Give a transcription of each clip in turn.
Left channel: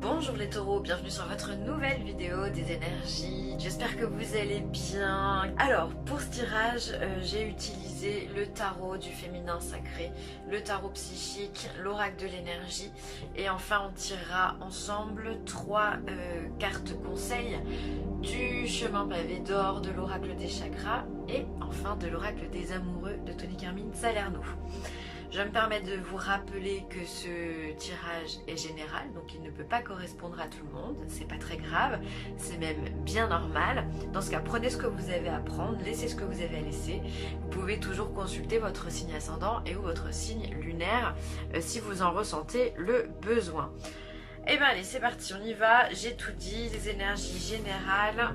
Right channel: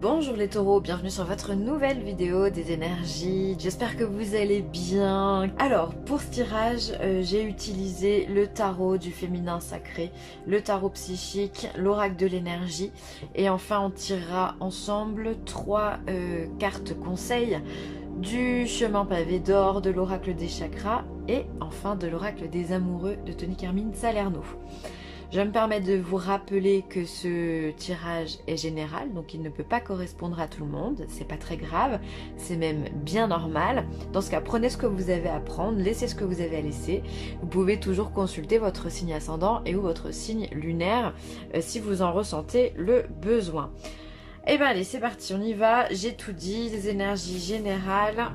Bonjour les taureaux, bienvenue sur votre nouvelle vidéo des énergies. J'espère que vous allez bien. Alors pour ce tirage, j'ai utilisé le tarot du féminin sacré, le tarot psychique, l'oracle de l'énergie. Et enfin on tirera ensemble trois cartes conseils du chemin pavé d'or, de l'oracle des chakras et enfin de l'oracle des amoureux de Tony Carmine Salerno. Je me permets de vous rappeler que ce tirage est général, donc il ne peut pas correspondre à tout le monde, c'est pas très grave, c'est même bien normal. Dans ce cas, prenez ce que vous avez à prendre, laissez ce que vous avez à laisser. Vous pouvez toujours consulter votre signe ascendant et ou votre signe lunaire si vous en ressentez le besoin. Et bien allez, c'est parti, on y va, j'ai tout dit, les énergies générales.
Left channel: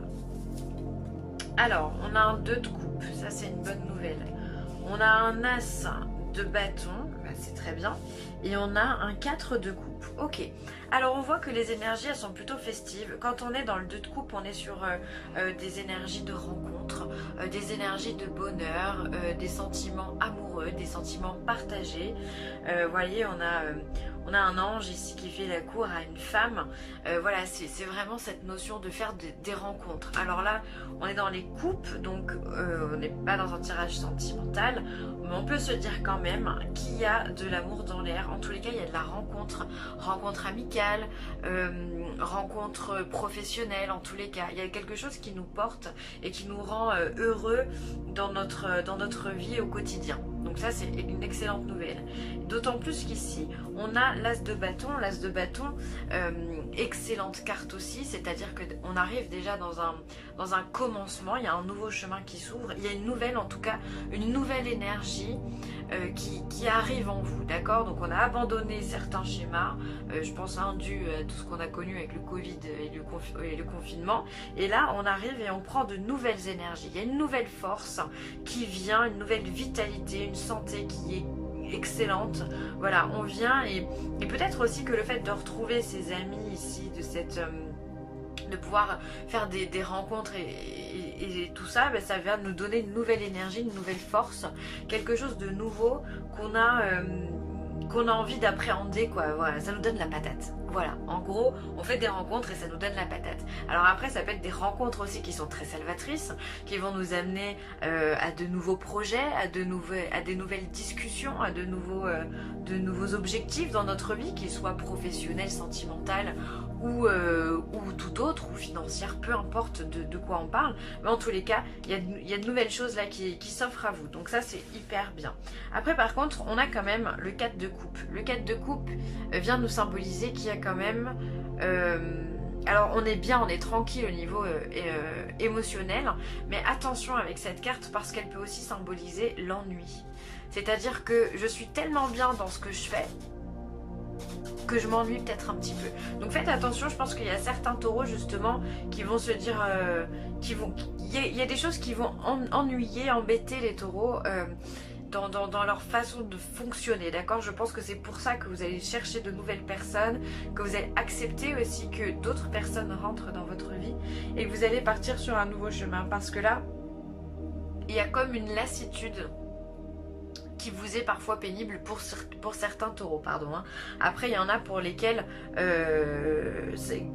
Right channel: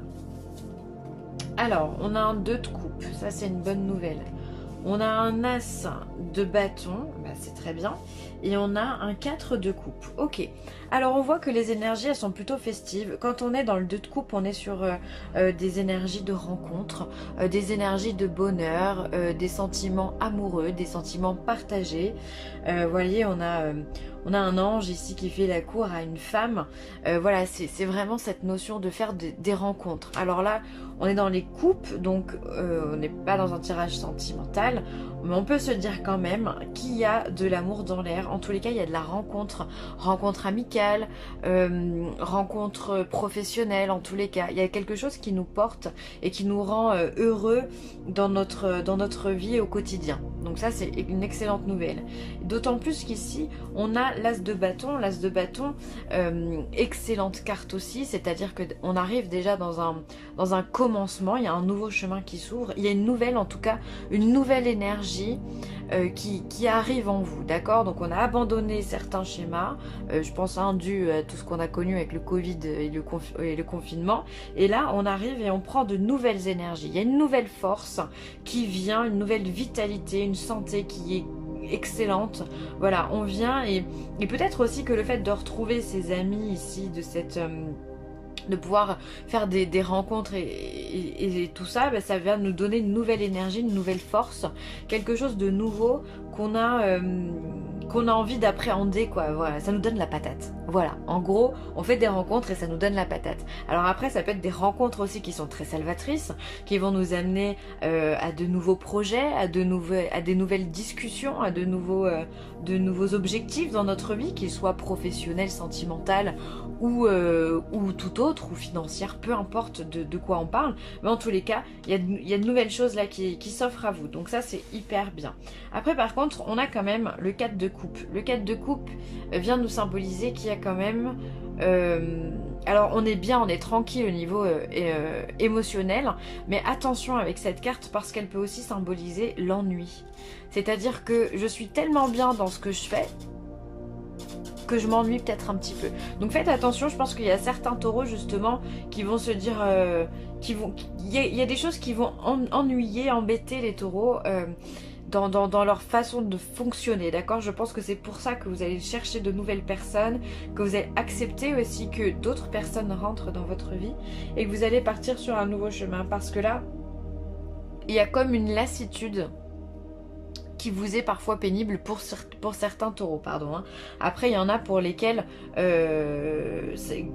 Alors, on a un 2 de coupe, ça c'est une bonne nouvelle. On a un as de bâton, bah c'est très bien, et on a un 4 de coupe. Ok, alors on voit que les énergies elles sont plutôt festives. Quand on est dans le 2 de coupe, on est sur des énergies de rencontre, des énergies de bonheur, des sentiments amoureux, des sentiments partagés. Voyez, on a un ange ici qui fait la cour à une femme. Voilà, c'est vraiment cette notion de faire des rencontres. Alors là, on est dans les coupes, donc on n'est pas dans un tirage sentimental, mais on peut se dire quand même qu'il y a de l'amour dans l'air. En tous les cas, il y a de la rencontre, rencontre amicale, rencontre professionnelle. En tous les cas, il y a quelque chose qui nous porte et qui nous rend heureux dans notre vie au quotidien. Donc ça, c'est une excellente nouvelle. D'autant plus qu'ici, on a l'as de bâton. L'as de bâton, excellente carte aussi, c'est-à-dire qu'on arrive déjà dans un commencement, il y a un nouveau chemin qui s'ouvre, il y a une nouvelle, en tout cas, une nouvelle énergie qui arrive en vous, d'accord? Donc on a abandonné certains schémas, je pense dû à tout ce qu'on a connu avec le Covid et le confinement, et là on arrive et on prend de nouvelles énergies, il y a une nouvelle force qui vient, une nouvelle vitalité, une santé qui est excellente. Voilà, on vient et peut-être aussi que le fait de retrouver ses amis ici, de pouvoir faire des rencontres et tout ça, ben, ça vient nous donner une nouvelle énergie, une nouvelle force, quelque chose de nouveau qu'on a envie d'appréhender, quoi. Voilà, ça nous donne la patate. Voilà, en gros, on fait des rencontres et ça nous donne la patate. Alors après, ça peut être des rencontres aussi qui sont très salvatrices, qui vont nous amener à de nouveaux projets, à des nouvelles discussions, à de nouveaux objectifs dans notre vie, qu'ils soient professionnels, sentimentaux ou tout autre, ou financière, peu importe de quoi on parle. Mais en tous les cas, il y a de nouvelles choses là qui s'offrent à vous. Donc ça, c'est hyper bien. Après, par contre, on a quand même le 4 de coupe. Le 4 de coupe vient nous symboliser qu'il y a quand même... alors on est bien, on est tranquille au niveau émotionnel, mais attention avec cette carte parce qu'elle peut aussi symboliser l'ennui. C'est-à-dire que je suis tellement bien dans ce que je fais que je m'ennuie peut-être un petit peu. Donc faites attention, je pense qu'il y a certains taureaux justement qui vont se dire... il y a des choses qui vont ennuyer, embêter les taureaux dans leur façon de fonctionner, d'accord? Je pense que c'est pour ça que vous allez chercher de nouvelles personnes, que vous allez accepter aussi que d'autres personnes rentrent dans votre vie et que vous allez partir sur un nouveau chemin parce que là, il y a comme une lassitude qui vous est parfois pénible pour certains taureaux, pardon. Après, il y en a pour lesquels c'est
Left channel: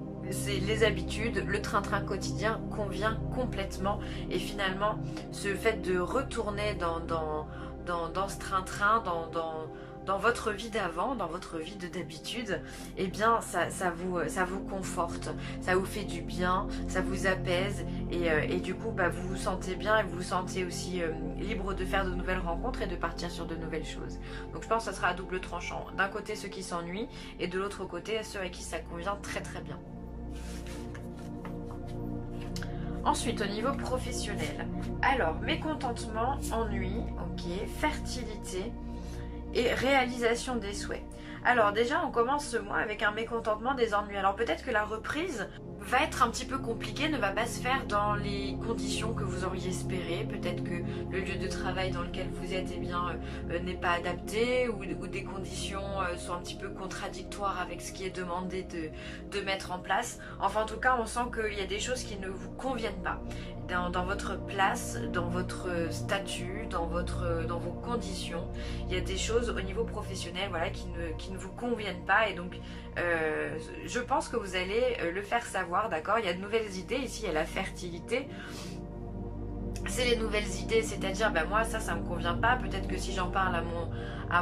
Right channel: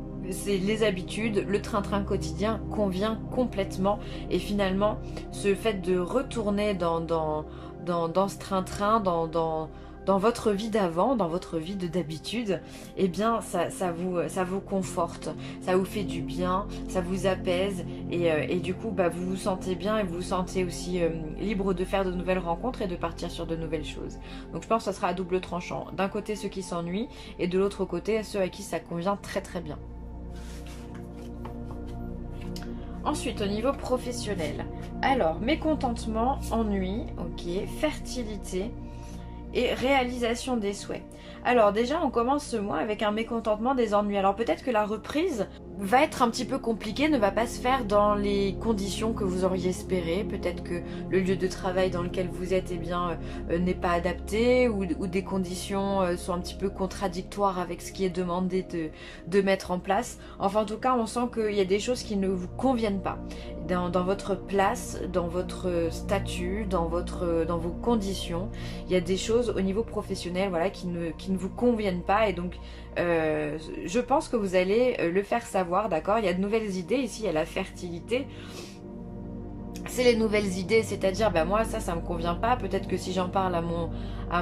les habitudes, le train-train quotidien convient complètement. Et finalement, ce fait de retourner dans ce train-train, dans votre vie d'avant, dans votre vie d'habitude, eh bien ça vous conforte, ça vous fait du bien, ça vous apaise et du coup bah, vous vous sentez bien et vous vous sentez aussi libre de faire de nouvelles rencontres et de partir sur de nouvelles choses. Donc je pense que ça sera à double tranchant. D'un côté ceux qui s'ennuient et de l'autre côté ceux à qui ça convient très très bien. Ensuite, au niveau professionnel, alors mécontentement, ennui, ok, fertilité et réalisation des souhaits. Alors déjà, on commence ce mois avec un mécontentement, des ennuis. Alors peut-être que la reprise va être un petit peu compliquée, ne va pas se faire dans les conditions que vous auriez espéré. Peut-être que le lieu de travail dans lequel vous êtes n'est pas adapté ou des conditions sont un petit peu contradictoires avec ce qui est demandé de mettre en place. Enfin, en tout cas, on sent qu'il y a des choses qui ne vous conviennent pas. Dans votre place, dans votre statut, dans vos conditions, il y a des choses au niveau professionnel, voilà, qui ne vous conviennent pas et donc je pense que vous allez le faire savoir, d'accord? Il y a de nouvelles idées, ici il y a la fertilité. C'est les nouvelles idées, c'est-à-dire ben moi ça me convient pas, peut-être que si j'en parle à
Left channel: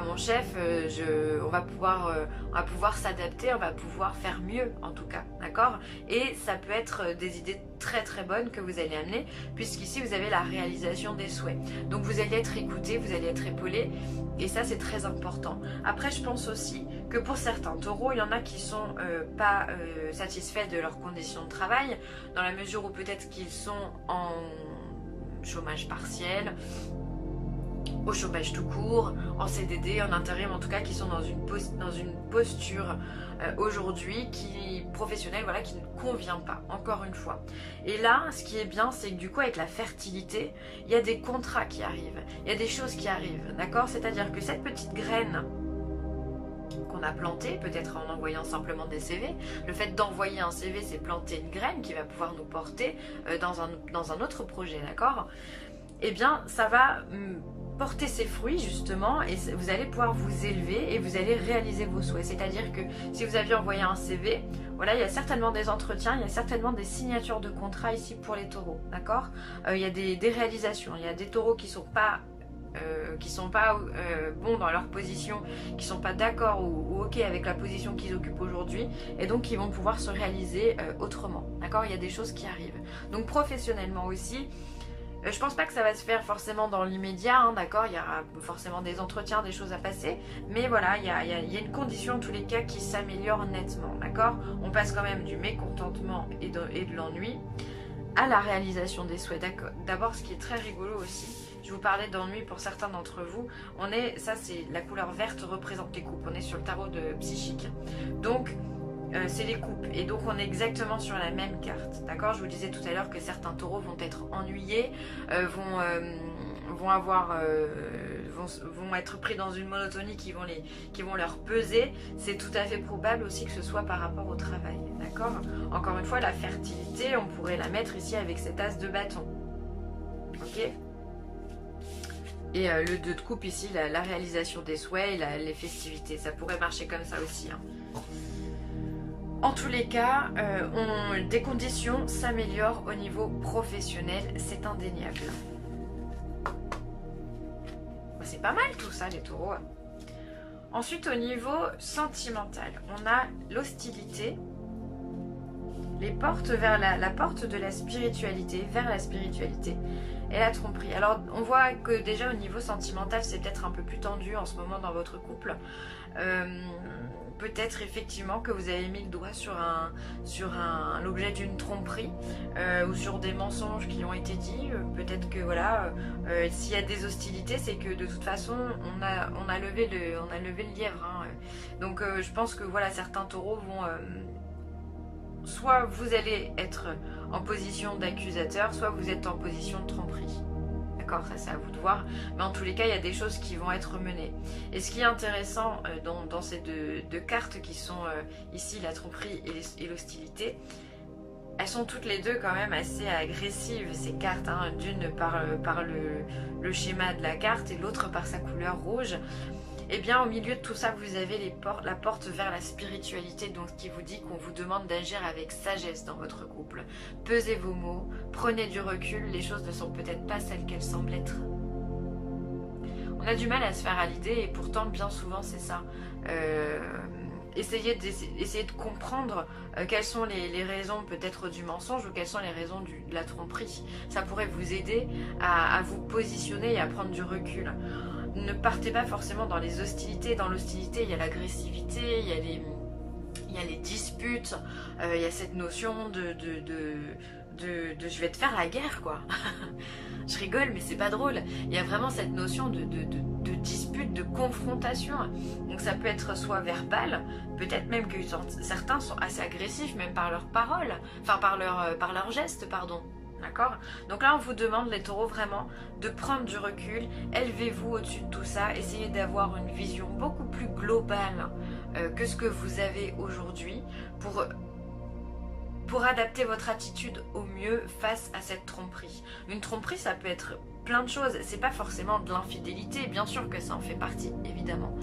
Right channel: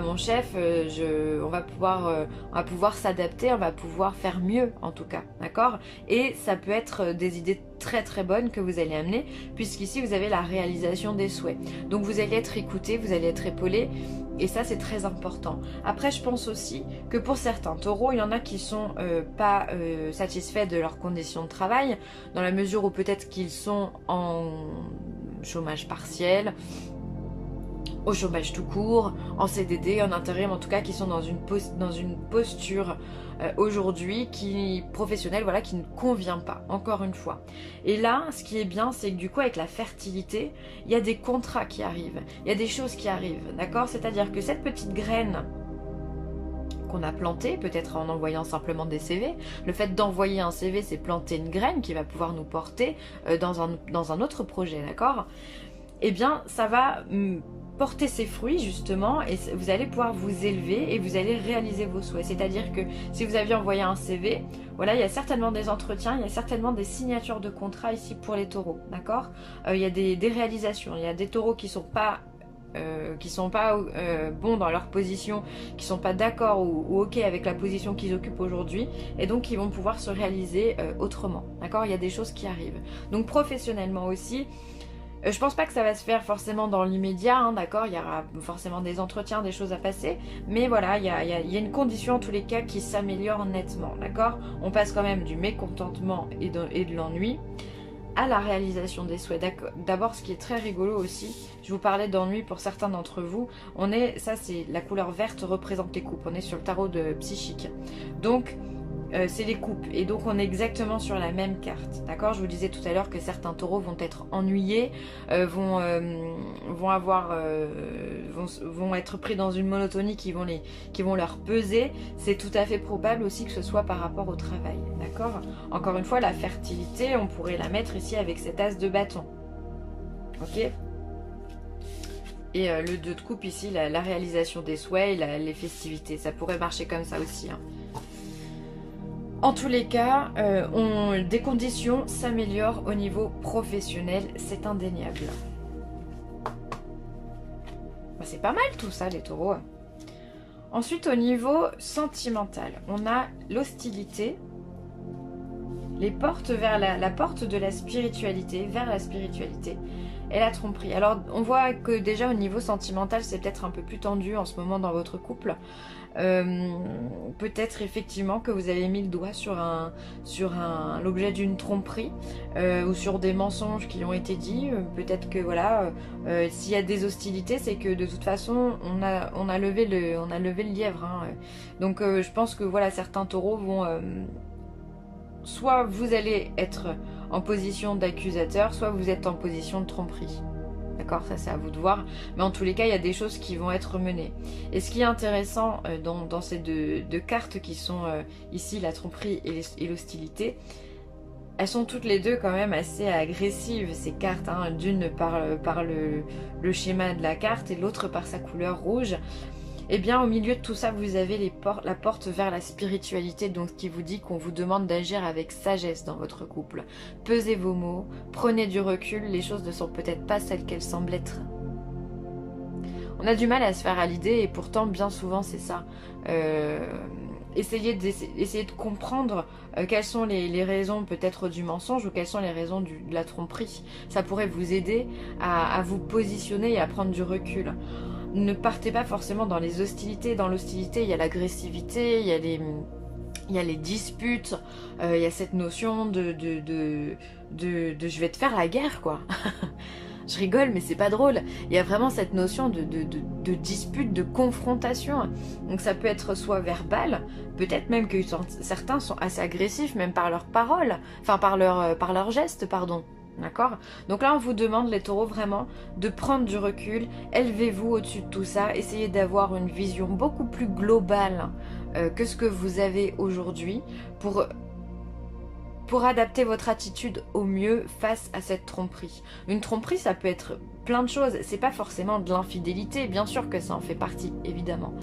mon chef, on va pouvoir s'adapter, on va pouvoir faire mieux en tout cas, d'accord? Et ça peut être des idées très très bonnes que vous allez amener, puisqu'ici vous avez la réalisation des souhaits. Donc vous allez être écouté, vous allez être épaulé, et ça c'est très important. Après je pense aussi que pour certains taureaux, il y en a qui sont pas satisfaits de leurs conditions de travail, dans la mesure où peut-être qu'ils sont en chômage partiel, au chômage tout court, en CDD, en intérim, en tout cas qui sont dans une posture aujourd'hui professionnelle, voilà, qui ne convient pas, encore une fois. Et là, ce qui est bien, c'est que du coup, avec la fertilité, il y a des contrats qui arrivent, il y a des choses qui arrivent, d'accord? C'est-à-dire que cette petite graine qu'on a plantée, peut-être en envoyant simplement des CV, le fait d'envoyer un CV, c'est planter une graine qui va pouvoir nous porter dans un autre projet, d'accord? Eh bien, ça va porter ses fruits justement, et vous allez pouvoir vous élever et vous allez réaliser vos souhaits. C'est-à-dire que si vous aviez envoyé un CV, voilà, il y a certainement des entretiens, il y a certainement des signatures de contrats ici pour les taureaux, d'accord? Il y a des réalisations, il y a des taureaux qui sont pas bons dans leur position, qui sont pas d'accord ou ok avec la position qu'ils occupent aujourd'hui, et donc qui vont pouvoir se réaliser autrement, d'accord? Il y a des choses qui arrivent. Donc professionnellement aussi, je pense pas que ça va se faire forcément dans l'immédiat, hein, d'accord? Il y aura forcément des entretiens, des choses à passer, mais voilà, il y a une condition en tous les cas qui s'améliore nettement, d'accord? On passe quand même du mécontentement et de l'ennui à la réalisation des souhaits. D'abord, ce qui est très rigolo aussi, je vous parlais d'ennui pour certains d'entre vous, ça c'est la couleur verte représente les coupes, on est sur le tarot de psychique. Donc, c'est les coupes, et donc on est exactement sur la même carte, d'accord? Je vous disais tout à l'heure que certains taureaux vont être ennuyés, vont être pris dans une monotonie qui vont leur peser. C'est tout à fait probable aussi que ce soit par rapport au travail, d'accord? Encore une fois, la fertilité, on pourrait la mettre ici avec cet as de bâton, ok? Et le 2 de coupe ici, la réalisation des souhaits et les festivités, ça pourrait marcher comme ça aussi, hein. En tous les cas, des conditions s'améliorent au niveau professionnel, c'est indéniable. C'est pas mal tout ça les taureaux. Ensuite, au niveau sentimental, on a l'hostilité, les portes vers la porte de la spiritualité, vers la spiritualité, et la tromperie. Alors on voit que déjà au niveau sentimental, c'est peut-être un peu plus tendu en ce moment dans votre couple. Peut-être effectivement que vous avez mis le doigt sur l'objet d'une tromperie ou sur des mensonges qui ont été dits. Peut-être que voilà, s'il y a des hostilités, c'est que de toute façon on a levé le lièvre, hein. Donc je pense que voilà, certains taureaux vont soit vous allez être en position d'accusateur, soit vous êtes en position de tromperie. D'accord, ça c'est à vous de voir, mais en tous les cas il y a des choses qui vont être menées. Et ce qui est intéressant dans ces deux cartes qui sont ici la tromperie et l'hostilité, elles sont toutes les deux quand même assez agressives ces cartes, hein, d'une par le schéma de la carte et l'autre par sa couleur rouge. Et bien au milieu de tout ça, vous avez la porte vers la spiritualité, donc qui vous dit qu'on vous demande d'agir avec sagesse dans votre couple. Pesez vos mots, prenez du recul, les choses ne sont peut-être pas celles qu'elles semblent être. On a du mal à se faire à l'idée et pourtant bien souvent c'est ça. Essayez de comprendre quelles sont les raisons peut-être du mensonge ou quelles sont les raisons de la tromperie. Ça pourrait vous aider à vous positionner et à prendre du recul. Ne partez pas forcément dans les hostilités. Dans l'hostilité, il y a l'agressivité, il y a les disputes, il y a cette notion de je vais te faire la guerre, quoi. Je rigole, mais c'est pas drôle. Il y a vraiment cette notion de dispute, de confrontation. Donc ça peut être soit verbal, peut-être même que certains sont assez agressifs, même par leurs paroles, enfin par leurs gestes, pardon. D'accord? Donc là on vous demande les taureaux vraiment de prendre du recul, élevez-vous au-dessus de tout ça, essayez d'avoir une vision beaucoup plus globale que ce que vous avez aujourd'hui pour adapter votre attitude au mieux face à cette tromperie. Une tromperie ça peut être plein de choses, c'est pas forcément de l'infidélité, bien sûr que ça en fait partie évidemment.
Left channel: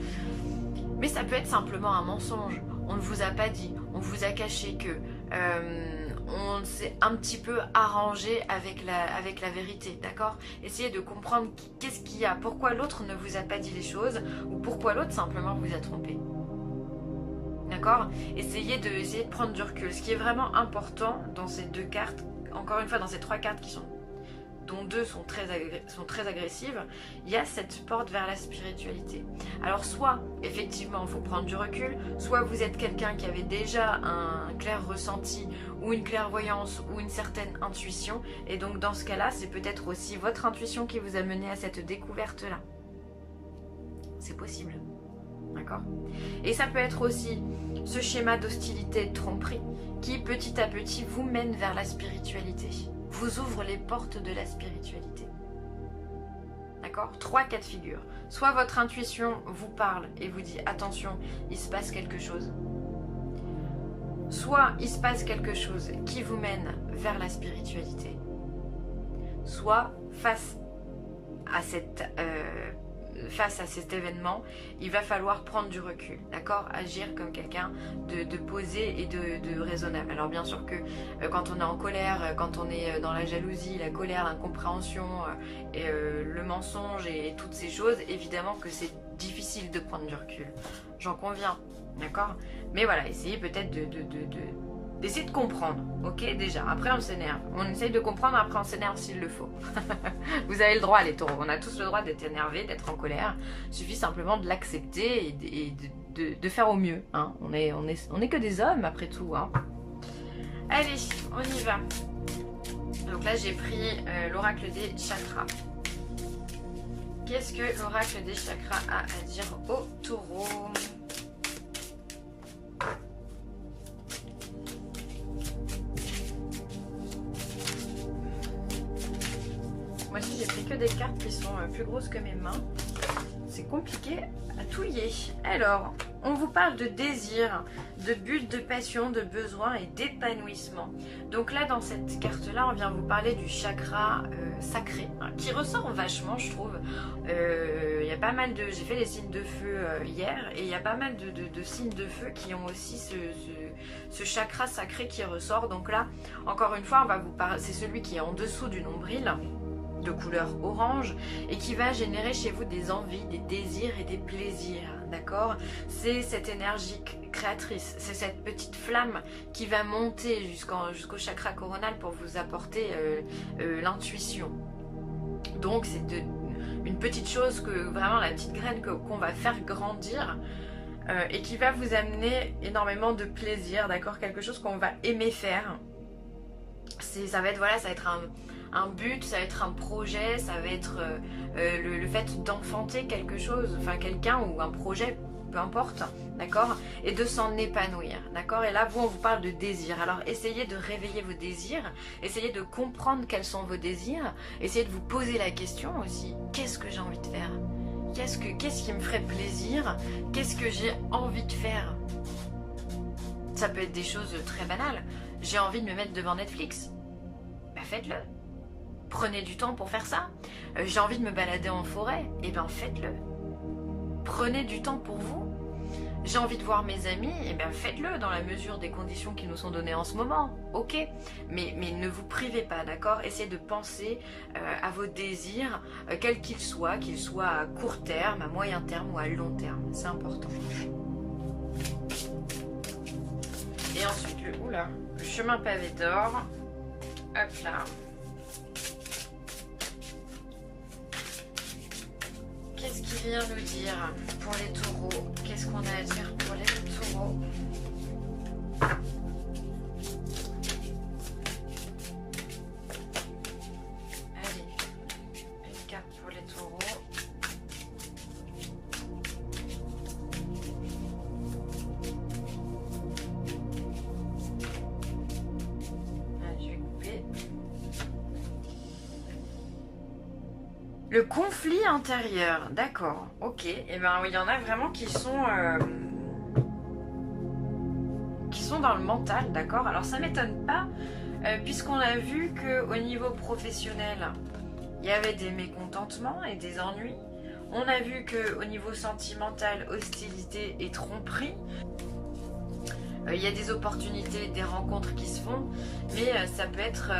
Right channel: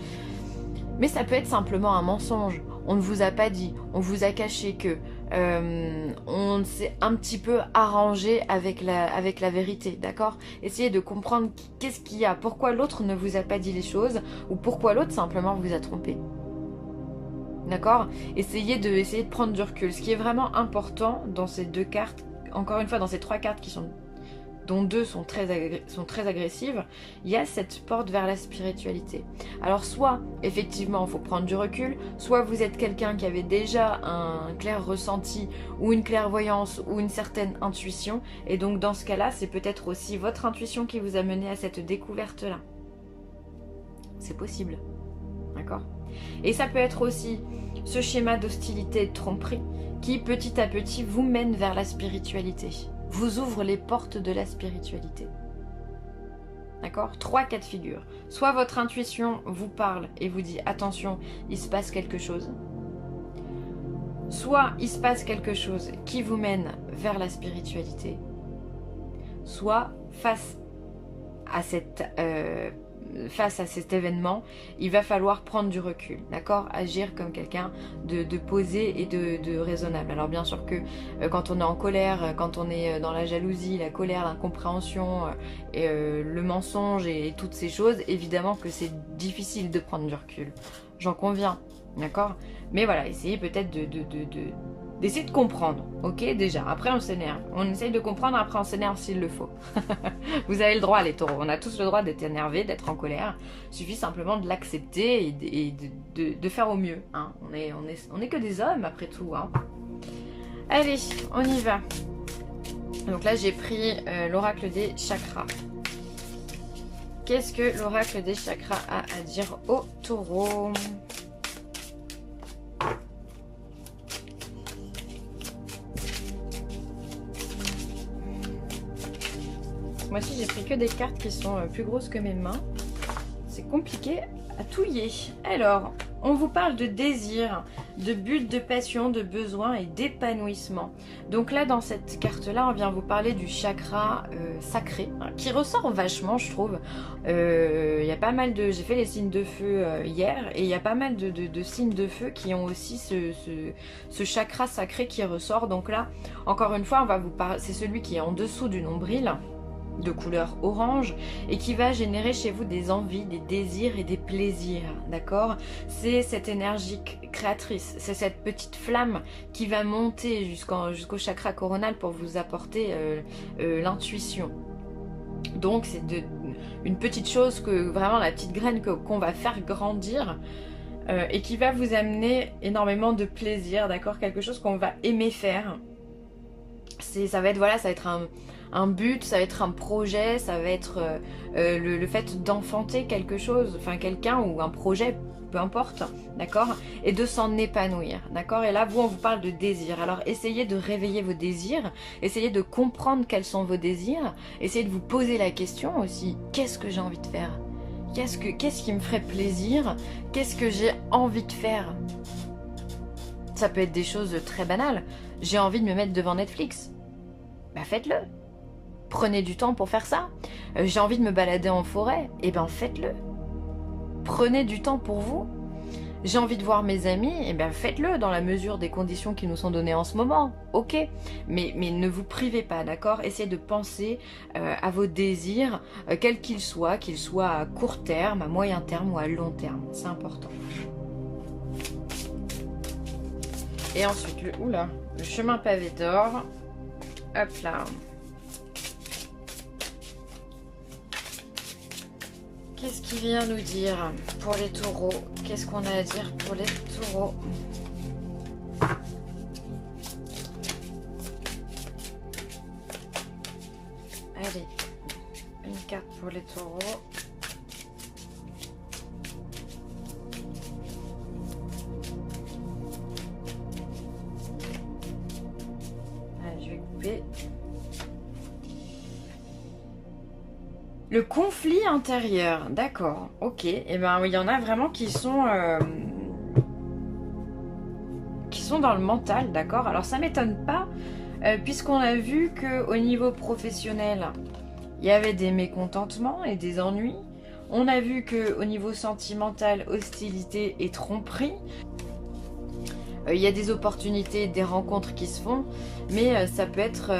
Mais ça peut être simplement un mensonge. on ne vous a pas dit, on vous a caché que, on s'est un petit peu arrangé avec la vérité, d'accord? Essayez de comprendre qu'est-ce qu'il y a, pourquoi l'autre ne vous a pas dit les choses, ou pourquoi l'autre simplement vous a trompé. D'accord? Essayez de prendre du recul. Ce qui est vraiment important dans ces deux cartes, encore une fois dans ces trois cartes dont deux sont très agressives, il y a cette porte vers la spiritualité. Alors soit, effectivement, il faut prendre du recul, soit vous êtes quelqu'un qui avait déjà un clair ressenti, ou une clairvoyance, ou une certaine intuition, et donc dans ce cas-là, c'est peut-être aussi votre intuition qui vous a mené à cette découverte-là. C'est possible. D'accord? Et ça peut être aussi ce schéma d'hostilité et de tromperie qui, petit à petit, vous mène vers la spiritualité. Vous ouvre les portes de la spiritualité. D'accord? 3 cas de figure. Soit votre intuition vous parle et vous dit attention, il se passe quelque chose. Soit il se passe quelque chose qui vous mène vers la spiritualité. Soit face à cet événement, il va falloir prendre du recul, d'accord? Agir comme quelqu'un de posé et de raisonnable. Alors bien sûr que quand on est en colère, quand on est dans la jalousie, la colère, l'incompréhension, et le mensonge et toutes ces choses, évidemment que c'est difficile de prendre du recul. J'en conviens, d'accord? Mais voilà, essayez peut-être d'essayer de comprendre, ok, déjà. Après, on s'énerve. On essaye de comprendre, après on s'énerve s'il le faut. Vous avez le droit, les taureaux. On a tous le droit d'être énervé, d'être en colère. Il suffit simplement de l'accepter et de faire au mieux. Hein. On est que des hommes, après tout. Hein. Allez, on y va. Donc là, j'ai pris l'oracle des chakras. Qu'est-ce que l'oracle des chakras a à dire aux taureaux ? Moi aussi, j'ai pris que des cartes qui sont plus grosses que mes mains. C'est compliqué à touiller. Alors, on vous parle de désir, de but, de passion, de besoin et d'épanouissement. Donc là, dans cette carte-là, on vient vous parler du chakra sacré, hein, qui ressort vachement, je trouve. Il y a pas mal de... J'ai fait les signes de feu hier, et il y a pas mal de signes de feu qui ont aussi ce chakra sacré qui ressort. Donc là, encore une fois, on va vous parler... C'est celui qui est en dessous du nombril, de couleur orange, et qui va générer chez vous des envies, des désirs et des plaisirs, d'accord? C'est cette énergie créatrice, c'est cette petite flamme qui va monter jusqu'au chakra coronal pour vous apporter l'intuition. Donc c'est une petite chose, que vraiment la petite graine qu'on va faire grandir et qui va vous amener énormément de plaisir, d'accord? Quelque chose qu'on va aimer faire. Ça va être, voilà, ça va être un but, ça va être un projet, ça va être le fait d'enfanter quelque chose, enfin quelqu'un ou un projet, peu importe, d'accord? Et de s'en épanouir, d'accord? Et là, on vous parle de désir. Alors, essayez de réveiller vos désirs, essayez de comprendre quels sont vos désirs, essayez de vous poser la question aussi, qu'est-ce que j'ai envie de faire? Qu'est-ce qui me ferait plaisir? Qu'est-ce que j'ai envie de faire? Ça peut être des choses très banales. J'ai envie de me mettre devant Netflix. Bah faites-le. Prenez du temps pour faire ça. J'ai envie de me balader en forêt. Eh bien faites-le. Prenez du temps pour vous. J'ai envie de voir mes amis. Eh bien faites-le dans la mesure des conditions qui nous sont données en ce moment. Ok. Mais ne vous privez pas, d'accord? Essayez de penser à vos désirs, quels qu'ils soient à court terme, à moyen terme ou à long terme. C'est important. Et ensuite, le chemin pavé d'or. Hop là. Qu'est-ce qu'il vient nous dire pour les taureaux? Qu'est-ce qu'on a à dire pour les taureaux? Allez, une carte pour les taureaux. Je vais couper. Le conflit intérieur, d'accord, ok. Et ben il y en a vraiment qui sont dans le mental, d'accord. Alors ça m'étonne pas, puisqu'on a vu qu'au niveau professionnel, il y avait des mécontentements et des ennuis. On a vu qu'au niveau sentimental, hostilité et tromperie. Il y a des opportunités, des rencontres qui se font, mais ça peut être,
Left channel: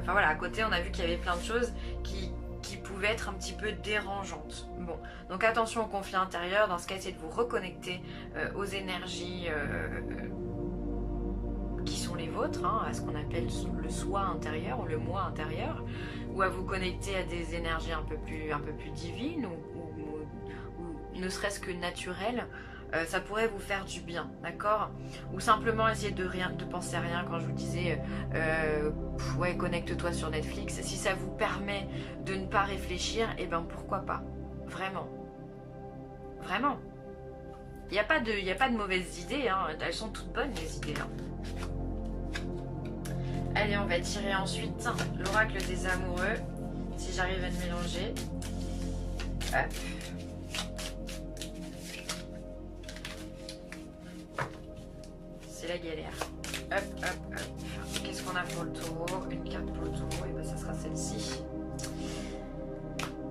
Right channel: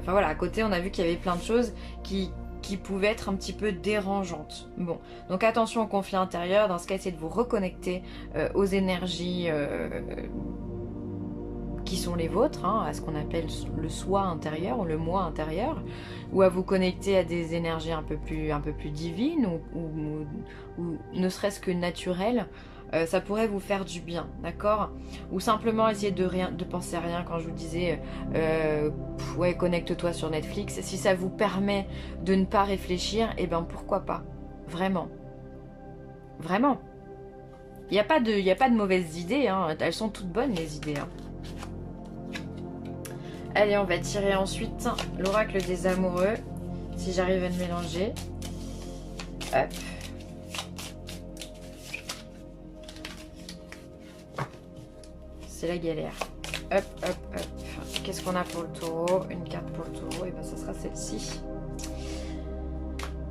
enfin voilà, à côté on a vu qu'il y avait plein de choses qui pouvaient être un petit peu dérangeantes. Bon, donc attention au conflit intérieur, dans ce cas essayez de vous reconnecter aux énergies qui sont les vôtres, hein, à ce qu'on appelle le soi intérieur ou le moi intérieur, ou à vous connecter à des énergies un peu plus divines ou ne serait-ce que naturelles. Ça pourrait vous faire du bien, d'accord? Ou simplement essayer de penser à rien. Quand je vous disais ouais, connecte-toi sur Netflix, si ça vous permet de ne pas réfléchir, et ben pourquoi pas, vraiment, vraiment. Il n'y a pas de mauvaises idées, hein. Elles sont toutes bonnes les idées, hein. Allez, on va tirer ensuite l'oracle des amoureux, si j'arrive à le mélanger. Hop. C'est la galère. Hop, hop, hop. Qu'est-ce qu'on a pour le taureau? Une carte pour le taureau, et bien ça sera celle-ci.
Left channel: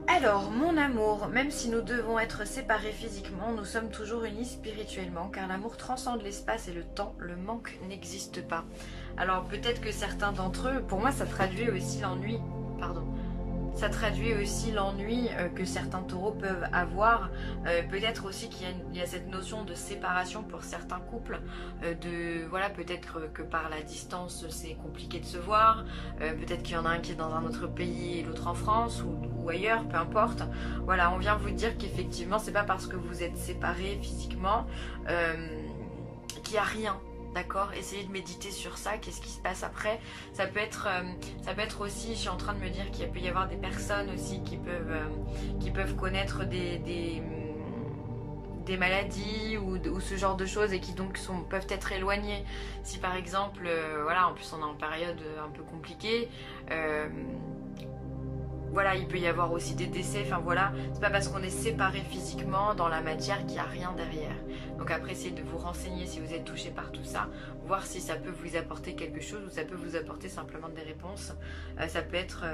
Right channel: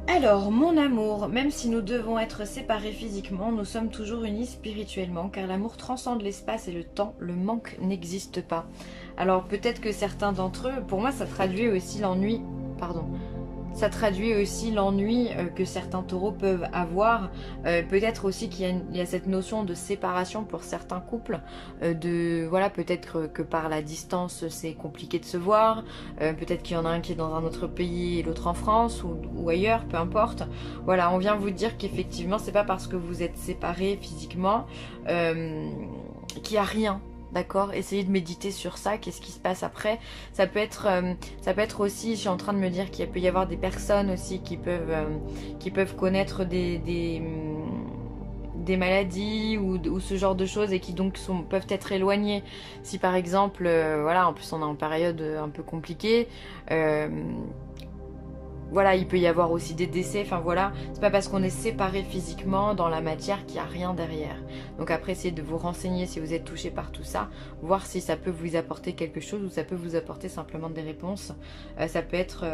Alors, mon amour, même si nous devons être séparés physiquement, nous sommes toujours unis spirituellement, car l'amour transcende l'espace et le temps, le manque n'existe pas. Alors peut-être que certains d'entre eux, pour moi ça traduit aussi l'ennui, pardon, ça traduit aussi l'ennui que certains taureaux peuvent avoir. Peut-être aussi qu'il y a cette notion de séparation pour certains couples. Voilà, peut-être que par la distance c'est compliqué de se voir. Peut-être qu'il y en a un qui est dans un autre pays et l'autre en France ou ailleurs, peu importe. Voilà, on vient vous dire qu'effectivement c'est pas parce que vous êtes séparés physiquement qu'il n'y a rien. D'accord, essayez de méditer sur ça, qu'est-ce qui se passe après. Ça peut être aussi, je suis en train de me dire qu'il peut y avoir des personnes aussi qui peuvent connaître des maladies ou ce genre de choses et qui donc peuvent être éloignées. Si par exemple, voilà, en plus on est en période un peu compliquée, voilà, il peut y avoir aussi des décès, enfin voilà, c'est pas parce qu'on est séparés physiquement dans la matière qu'il n'y a rien derrière. Donc après, essayez de vous renseigner si vous êtes touché par tout ça, voir si ça peut vous apporter quelque chose ou ça peut vous apporter simplement des réponses. Ça peut être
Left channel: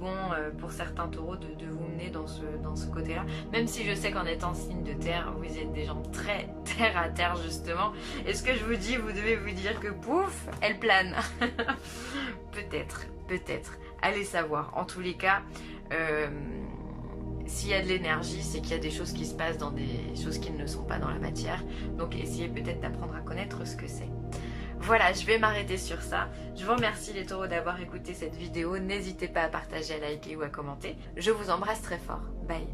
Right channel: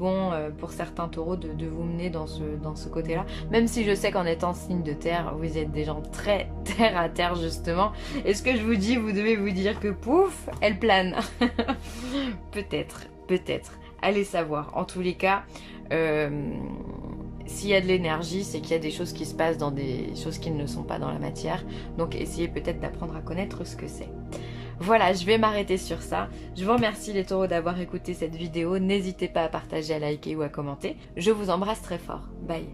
bon pour certains taureaux de vous mener dans ce côté-là, même si je sais qu'en étant signe de terre, vous êtes des gens très terre à terre justement. Et ce que je vous dis, vous devez vous dire que pouf, elle plane. Peut-être, peut-être. Allez savoir. En tous les cas, s'il y a de l'énergie, c'est qu'il y a des choses qui se passent dans des choses qui ne sont pas dans la matière. Donc essayez peut-être d'apprendre à connaître ce que c'est. Voilà, je vais m'arrêter sur ça. Je vous remercie les taureaux d'avoir écouté cette vidéo. N'hésitez pas à partager, à liker ou à commenter. Je vous embrasse très fort. Bye.